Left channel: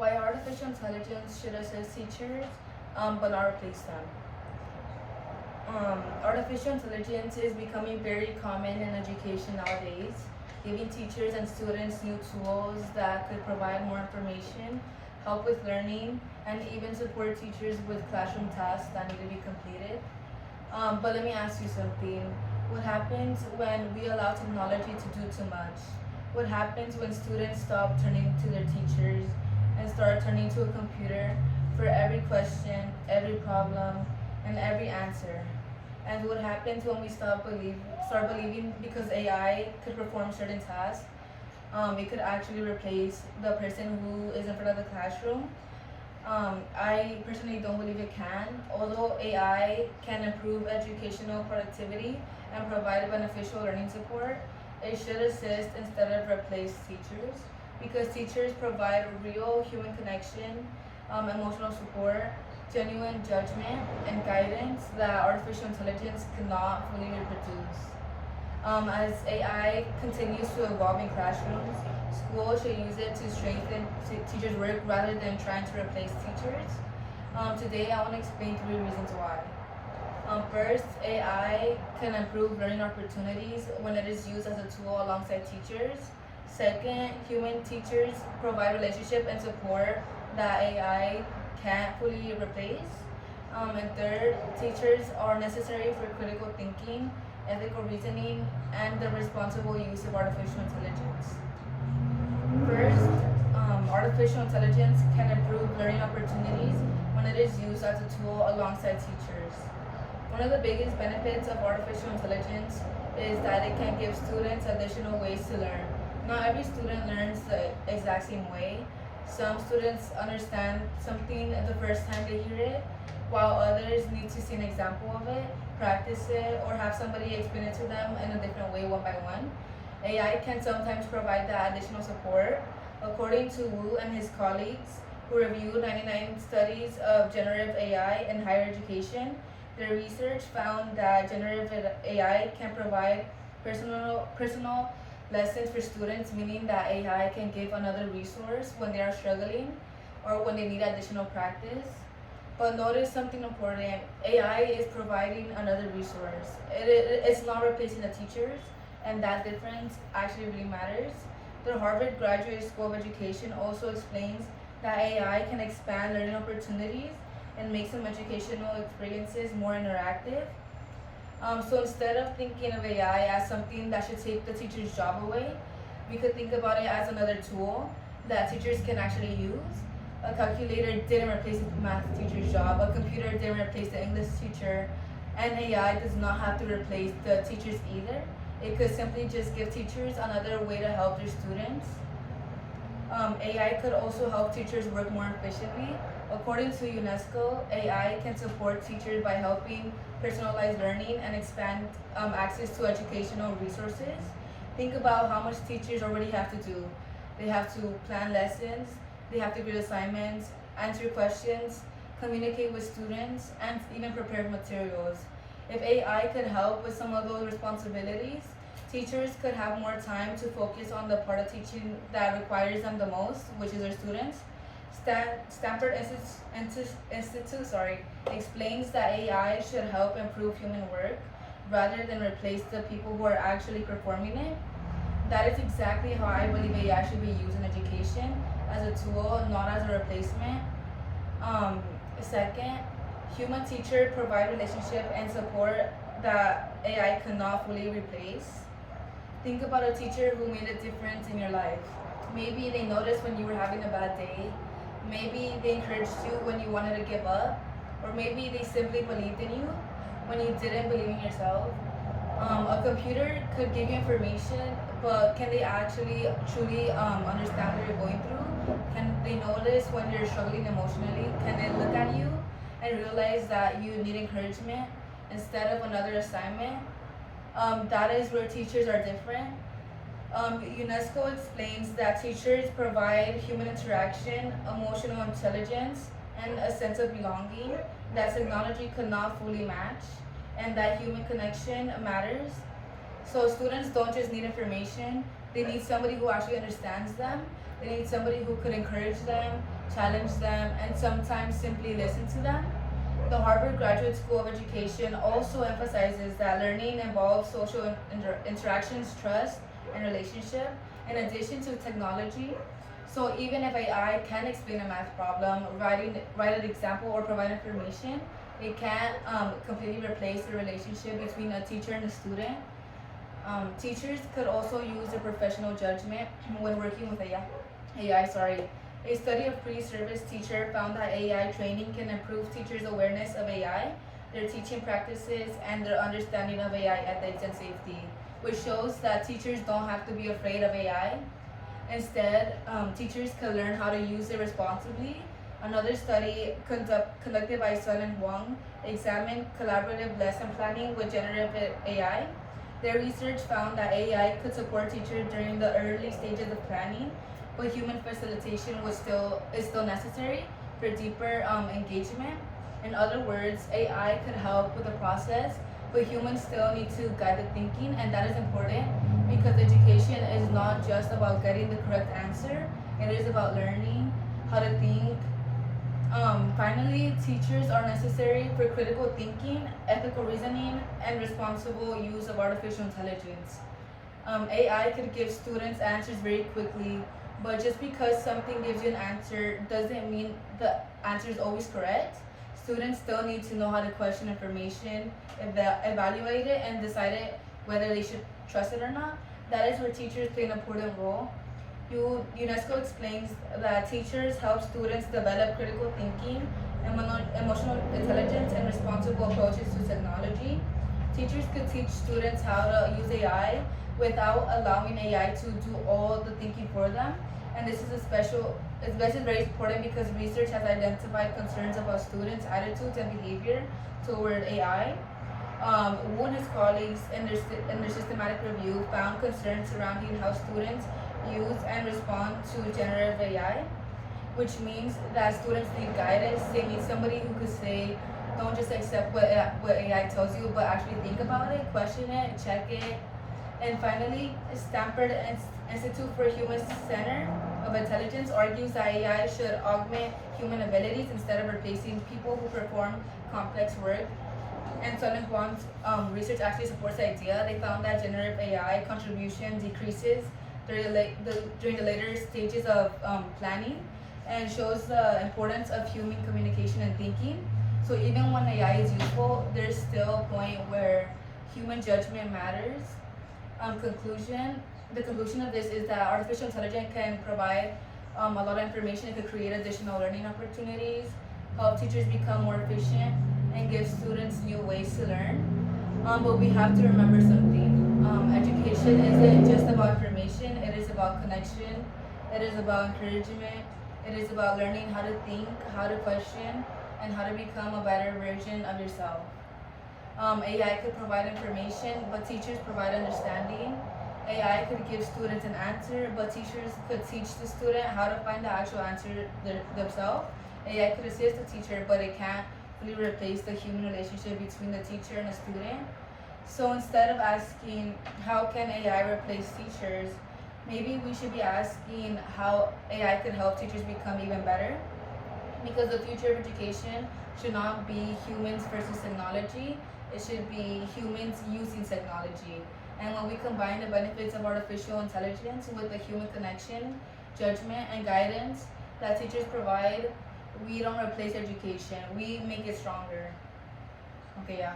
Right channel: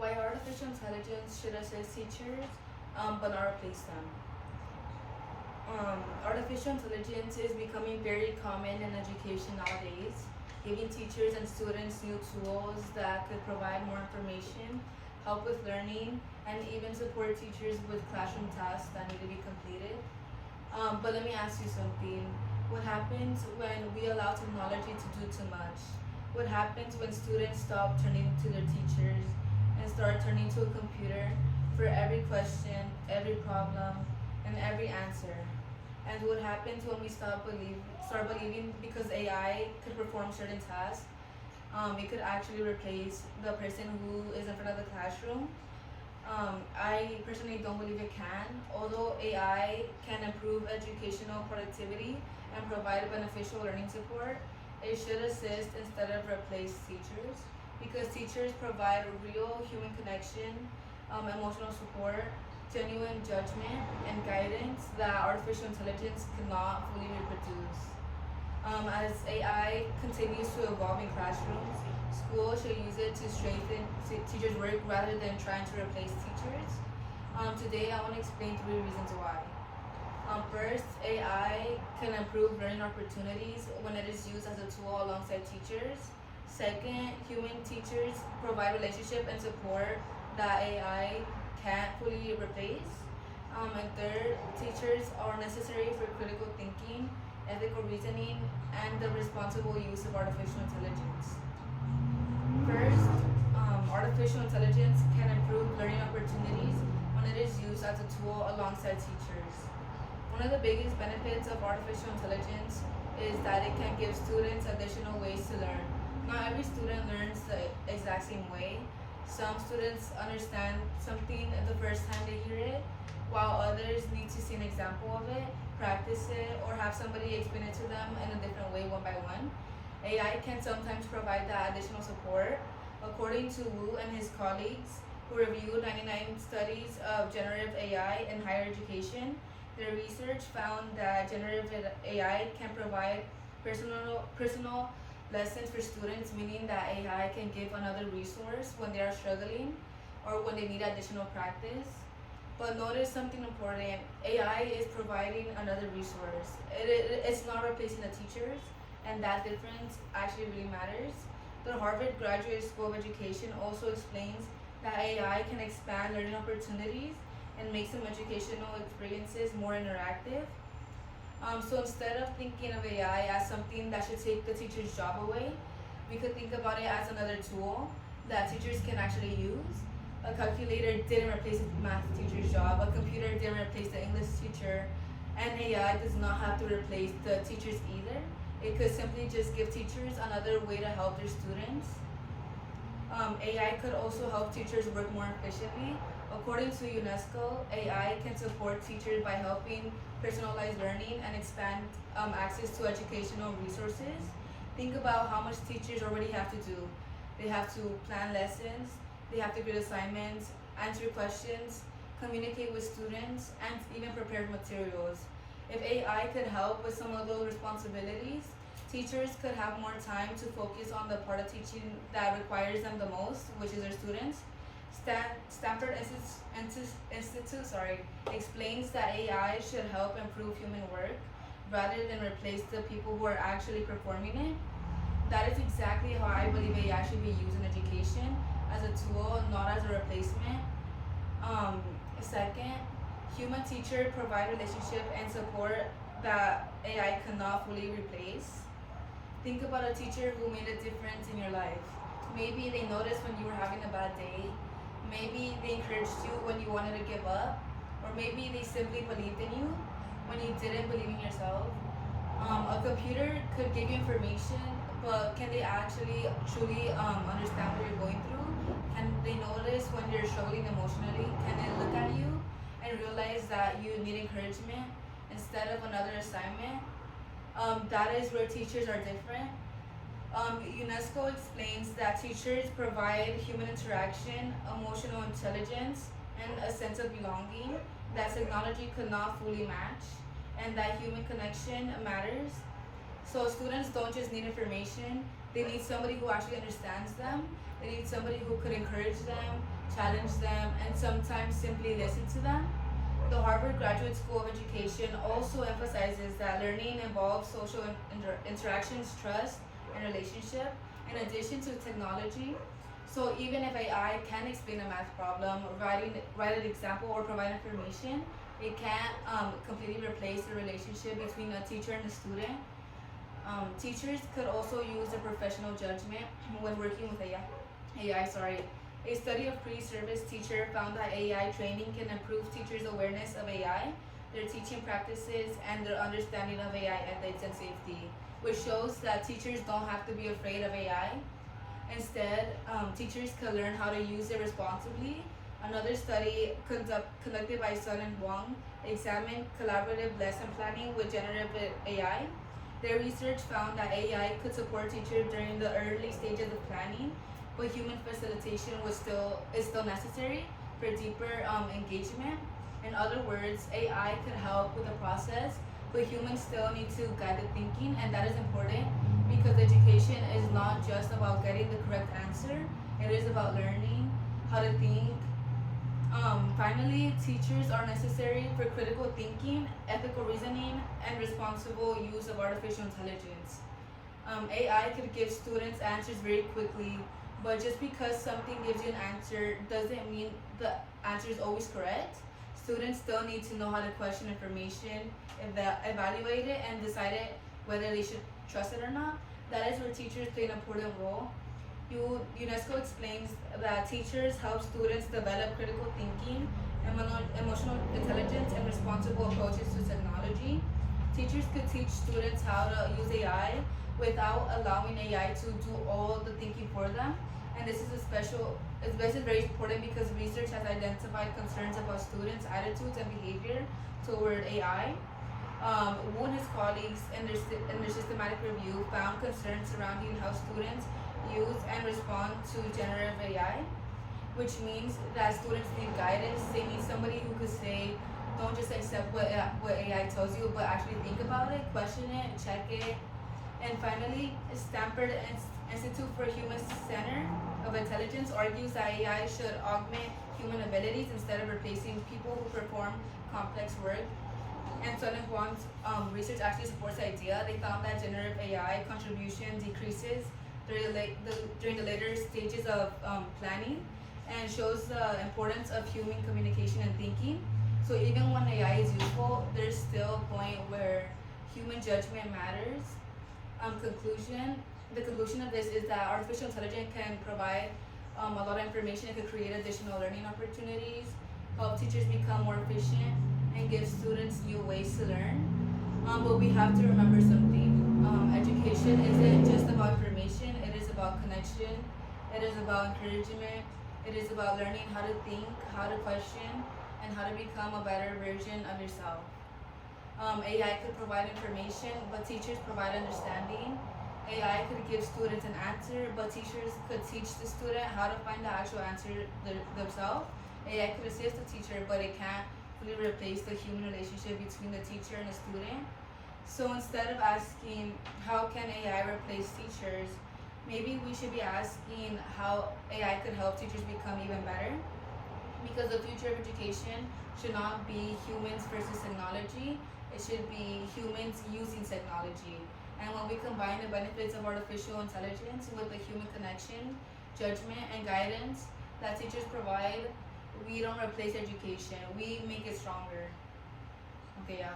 Why artificial intelligence should assist teachers, but not replace them. Artificial intelligence is becoming very common in education nowadays, giving teachers and students new tools that could provide more information, help with learning, and even support teachers with classroom tasks that need to be completed. But let me ask you something. What happens when we allow technology to do too much? What happens when students stop turning to their teachers and start turning to a computer for every question, every problem, and every answer? And what happens when we start believing because AI could perform certain tasks, it could actually replace the person who is in front of the classroom? I personally don't believe it can. Although AI can improve educational productivity and provide beneficial learning support, it should assist instead of replace teachers, because teachers provide real human connection, emotional support, genuine judgment, and guidance that artificial intelligence cannot fully reproduce. As AI continues to evolve in classrooms, schools should use it to strengthen teachers' work rather than trying to replace teachers. Today, I want to explain 3 reasons why. First, AI can improve learning opportunities when it is used as a tool alongside teachers. Second, human teachers provide relationship and support that AI can't fully replace. And third, teachers are necessary for critical thinking, ethical reasoning, and the responsible use of artificial intelligence. First, artificial intelligence can improve learning opportunities when it is used as a tool alongside teachers. One of the biggest benefits of artificial intelligence is that it can give students additional ways to learn. Not every student learns the exact same way. Some students understand something the first time they hear it, while others need to see an example of it, practice it, or have somebody explain it to them in a different way one by one. AI can sometimes provide that additional support. According to Wu and his colleagues, who reviewed 99 studies of generative AI in higher education, their research found that generative AI can provide personal lessons for students, meaning that AI can give another resource when they are struggling or when they need additional practice. But notice something important. AI is providing another resource. It's not replacing the teachers, and that difference actually really matters. The Harvard Graduate School of Education also explains that AI can expand learning opportunities and make some educational experiences more interactive. So instead of thinking of AI as something that should take the teacher's job away, we could think about it as another tool that teachers can actually use. A calculator didn't replace the math teacher's job, a computer didn't replace the English teacher, and AI does not have to replace the teachers either. It could simply just give teachers another way to help their students. AI could also help teachers work more efficiently. According to UNESCO, AI can support teachers by helping personalize learning and expand access to educational resources. Think about how much teachers already have to do. They have to plan lessons, they have to grade assignments, answer questions, communicate with students, and even prepare materials. If AI could help with some of those responsibilities, teachers could have more time to focus on the part of teaching that requires them the most, which is their students. Stanford Institute explains that AI should help improve human work rather than replace the people who are actually performing it. That is exactly how I believe AI should be used in education, as a tool, not as a replacement. Second, human teacher provide relationship and support that AI cannot fully replace. Think about a teacher who made a difference in your life. Maybe they noticed when you were having a bad day. Maybe they encouraged you when you wanted to give up. Or maybe they simply believed in you when you didn't believe in yourself. A computer could give you information, but can they actually truly understand what you're going through? Can they notice when you're struggling emotionally? Can they look at you and realize that you need encouragement instead of another assignment? That is where teachers are different. UNESCO explains that teachers provide human interaction, emotional intelligence, and a sense of belonging that technology could not fully match, and that human connection matters. So students don't just need information, they need somebody who actually understands them, They need somebody who could encourage them, challenge them, and sometimes simply listen to them. The Harvard Graduate School of Education also emphasizes that learning involves social interactions, trust, and relationship, in addition to technology. So even if AI can explain a math problem, write an example, or provide information, it can't completely replace the relationship between a teacher and a student. Teachers could also use their professional judgment when working with AI. A study of pre-service teacher found that AI training can improve teachers' awareness of AI, their teaching practices, and their understanding of AI ethics and safety, which shows that teachers don't have to be afraid of AI. Instead, teachers can learn how to use it responsibly. Another study conducted by Sun and Huang examined collaborative lesson planning with generative AI. Their research found that AI could support teachers during the early stages of planning, but human facilitation is still necessary for deeper engagement. In other words, AI could help with the process, but humans still need to guide the thinking, and that is important because education is not just about getting the correct answer, it is about learning how to think. Finally, teachers are necessary for critical thinking, ethical reasoning, and responsible use of artificial intelligence. AI could give students answers very quickly, but just because something gives you an answer doesn't mean the answer is always correct. Students still need to know how to question information, evaluate it, and decide whether they should trust it or not. That is where teachers play an important role. UNESCO explains that teachers help students develop critical thinking, emotional intelligence, and responsible approaches to technology. Teachers could teach students how to use AI without allowing AI to do all the thinking for them. And this is very important because research has identified concerns about students' attitudes and behavior toward AI. Wu and his colleagues in their systematic review found concerns surrounding how students use and respond to generative AI, which means that students need guidance. They need somebody who could say, don't just accept what AI tells you, but actually think about it, question it, check it. And finally, Stanford Institute for Human Center of Intelligence argues that AI should augment human abilities instead of replacing people who perform complex work. And Sun and Huang's research actually supports the idea. They found that generative AI contribution decreases during the later stages of planning, and shows the importance of human communication and thinking. So even when AI is useful, there's still a point where human judgment matters. The conclusion of this is that artificial intelligence can provide a lot of information. It could create additional learning opportunities, help teachers become more efficient, and give students new ways to learn. But we have to remember something. Education isn't just about information, it is about connection, it is about encouragement, it is about learning how to think, how to question, and how to become a better version of yourself. AI could provide information, but teachers provide understanding. AI could give students an answer, but teachers could teach the student how to find the actual answer themselves. AI could assist the teacher, but it can't really replace the human relationship between the teacher and the student. So instead of asking, how can AI replace teachers, maybe we should be asking how AI can help teachers become even better. Because the future of education should not be humans versus technology, it should be humans using technology. And when we combine the benefits of artificial intelligence with the human connection, judgment, and guidance that teachers provide, we don't replace education, we make it stronger. Okay, yeah.